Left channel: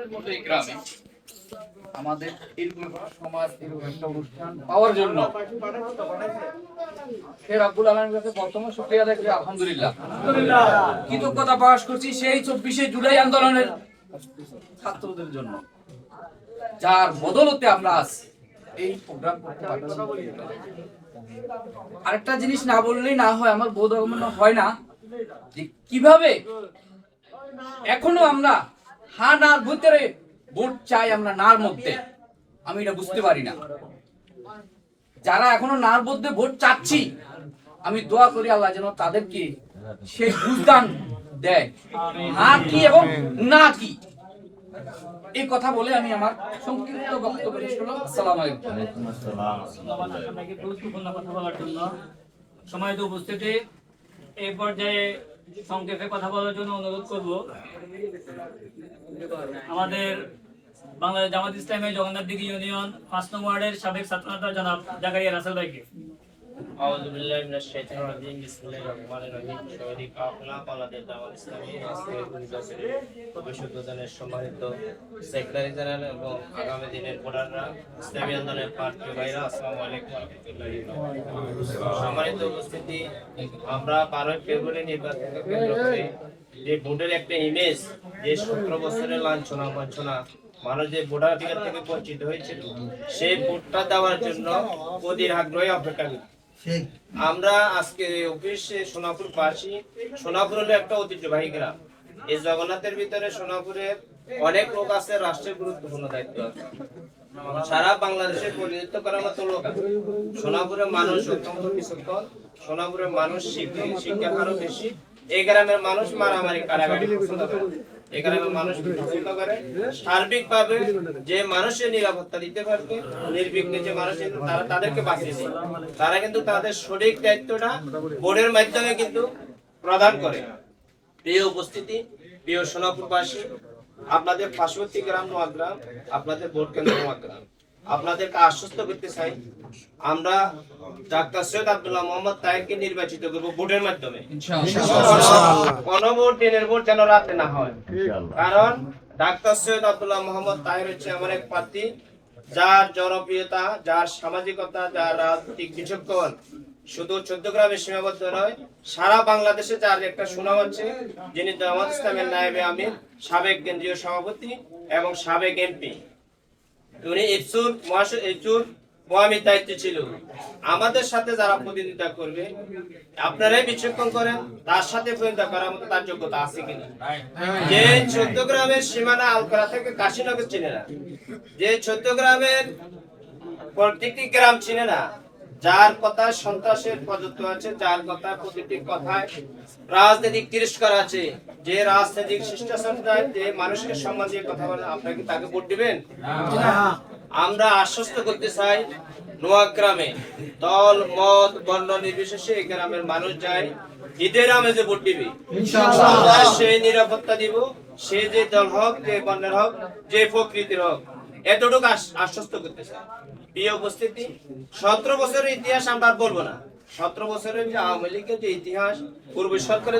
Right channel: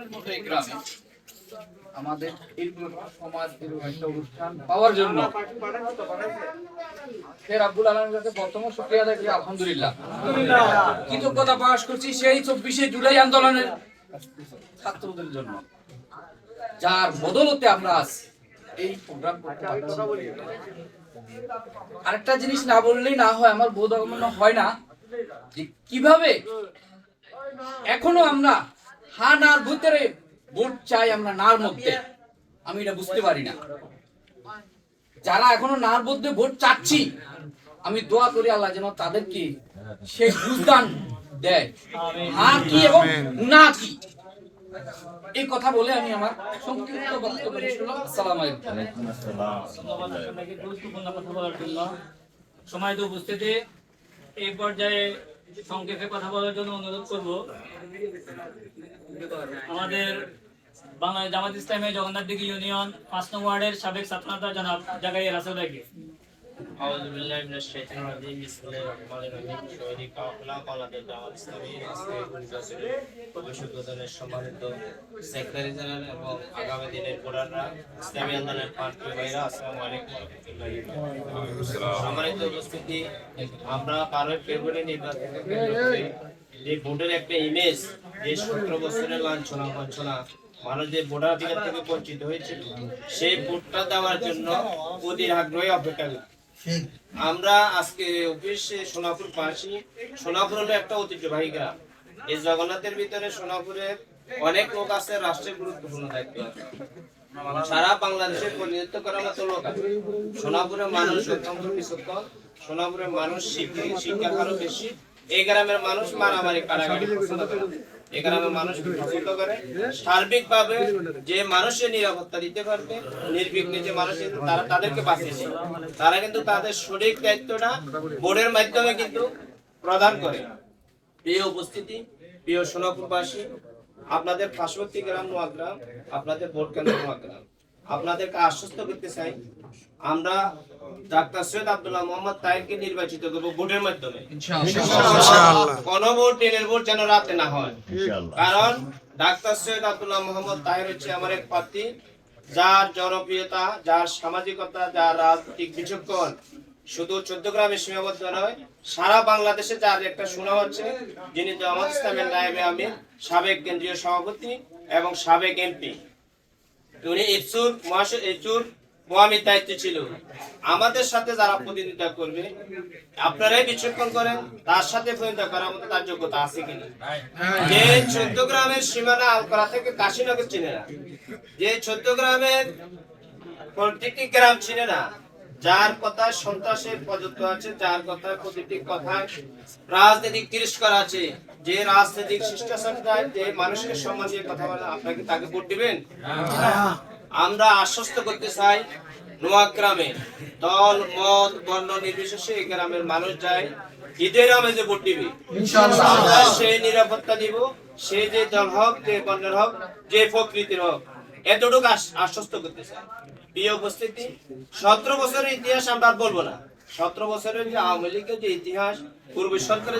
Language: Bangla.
আন্দোলনের মতো এই গ্রামে আমাদের এরকম একটা সমাজ, এরকম একটা অনুষ্ঠান পাওয়ার জন্য শের আব্দুল আলমের কাছে বর্তমান শুকরিয়া আদায় করি। আলহামদুলিল্লাহ, কৃতজ্ঞতা প্রকাশ করছি সেই 24শে জুলাই আন্দোলনের ছাত্রদের জন্য, যার বদলতে আমরা আজ এই প্রোগ্রাম করতে পারছি। আরেকটা জিনিস না বললেই না হয়, আমার বোধ হয় না যে কিভাবে এখনো আমরা হা নার ভিতরে ভোট চাই, আমরা নার মধ্যে, আমি এটা বুঝতে পারি না। যারা এখনো নার মধ্যে ভোট চাচ্ছি, আমি দোয়া করি আল্লাহ যেন তাদেরকে সেই বুঝদান দেয়, হা কি এবং না কি। এই কথা বলে আমি আমার সংক্ষিপ্ত বক্তব্য শেষ করলাম। আসসালামু আলাইকুম। গুরুত্বপূর্ণ কথা বলার জন্য সময় তো উপস্থিতি, এই পর্যায়ে সংক্ষেপে কথা বলার জন্য অনুরোধ করব আমাদের বাংলাদেশ জামাত ইসলামী জগন্নাথ দিঘি ইউনিয়ন 5 নং ওয়ার্ডের সাবেক ছাত্রনেতা জনাব জাকারিয়া রাসেল ভাইকে। আউযু বিল্লাহি মিনাশ শাইতানির রাজিম বিসমিল্লাহির রহমানির রহিম। শহীদ কাফেলা বাংলাদেশ জামাত ইসলামী আজকের নির্বাচনের ভবিষ্যদ্বাণীর সম্মানিত সেক্রেটারি জেনারেল এবং আগামী দিনের ভোটাররা, ইসলামী আন্দোলনের প্রার্থী ভাইরা, আসসালামু আলাইকুম ওয়া রাহমাতুল্লাহি ওয়া বারাকাতুহু। সম্মানিত উপস্থিতি, আমরা 12 ফেব্রুয়ারি নির্বাচনকে কেন্দ্র করে যে ভোটের একটা ইমেজ, যে 17 বছরের লাঞ্ছনা বঞ্চনা মানুষ যে ভোটাধিকার থেকে বঞ্চিত হয়েছিল, সেই ভোটটা দেওয়ার জন্য অধীর আগ্রহে অপেক্ষা করি। আমরা আজকে অফিসে সোনাপুর পাশি, সোনাপুর হলো একটা ঐতিহ্যবাহী গ্রাম। এই জগন্নাথের ভিতরে সোনাপুরের অনেক লোক আছে, রাষ্ট্রের গুরুত্বপূর্ণ দায়িত্ব আছে, সারা বাংলাদেশের প্রতিনিধিত্ব করার মতো লোক আছে। সোনাপুরের মানুষ অত্যন্ত বিচক্ষণ, সোনাপুরের মানুষ শিক্ষার হারও বেশি। এই গ্রামের মানুষ মারামারি কারাগারি পছন্দ করে, এই গ্রামের মানুষ পছন্দ করে সার্বিকভাবে যে মানুষের নিরাপত্তা দিতে পারবে, নির্বিঘ্নে যে মানুষ তাদেরকে বাঁচিয়েছে, তারা কিন্তু তাদের সঠিক দায়িত্বটা বোর্ডের মাধ্যমে কিন্তু প্রদান করে। প্রিয় উপস্থিতি, প্রিয় সোনাপুরবাসী, আপনাদের পার্শ্ববর্তী গ্রাম নোয়াগ্রাম, আপনাদের ভোট কেন্দ্র নোয়াগ্রাম, আপনাদেরকে আশ্বস্ত করতে চাই, আমরা ডাক্তার সৈয়দ আব্দুল্লাহ মোহাম্মদ তাহেরকে নির্বাচিত করব ভোটের মাধ্যমে। কোন ভোট দিনের ভোট যেন রাতে না হয়, কারণ ডাক্তার সৈয়দ আব্দুল্লাহ মোহাম্মদ তাহের হচ্ছে আমার এক প্রার্থী, যার জনপ্রিয়তা, যার সামাজিকতা, যার রাজনৈতিক বিচক্ষণ শুধু চৌদ্দগ্রামে সীমাবদ্ধ নয়, সারা বাংলাদেশে যার একটা সুনাম আছে, যিনি জামাত ইসলামের নায়েবে আমির, সাবেক কেন্দ্রীয় সভাপতি এবং সাবেক এমপি। উনি ইরচুর মহামির দায়িত্বে ছিল। আমাদের সাথে যারা প্রতিনিধিত্ব করবে, আপনারাই বিচক্ষণ করেন তার সাথে প্রতিনিধিত্ব করার মতো তার যোগ্যতা আছে কিনা। যে 14 গ্রামের সীমানা আলকরা থেকে কাশীনগর চিনে না, যে 14 গ্রামের প্রত্যেকটি গ্রাম চিনে না, যার কথায় সন্ত্রাসের প্রযুক্ত আছে, যার কথায় প্রতিটি কথায় রাজনৈতিক তিরস্কার আছে, যে রাজনৈতিক শিষ্টাচার চায়, যে মানুষকে সম্মান দিয়ে কথা বলে, আপনাকে তাকে ভোট দিবেন? আমরা আশ্বস্ত করতে চাই, নোয়াগ্রামে দল মত বর্ণ নির্বিশেষে এই গ্রামের মানুষ যায় ঈদের আমেজে ভোট দিবে, ইনশাআল্লাহ সেই নিরাপত্তা দিব, সে যে দল হোক, যে বর্ণের হোক, যে প্রকৃতির হোক, এতটুকু আশ্বস্ত করতে চাই। প্রিয় উপস্থিতি, 17 বছরের ইতিহাস আমরা বলবো না, 17 বছরের যে আওয়ামী লীগের যে ইতিহাস, পূর্ব সরকারের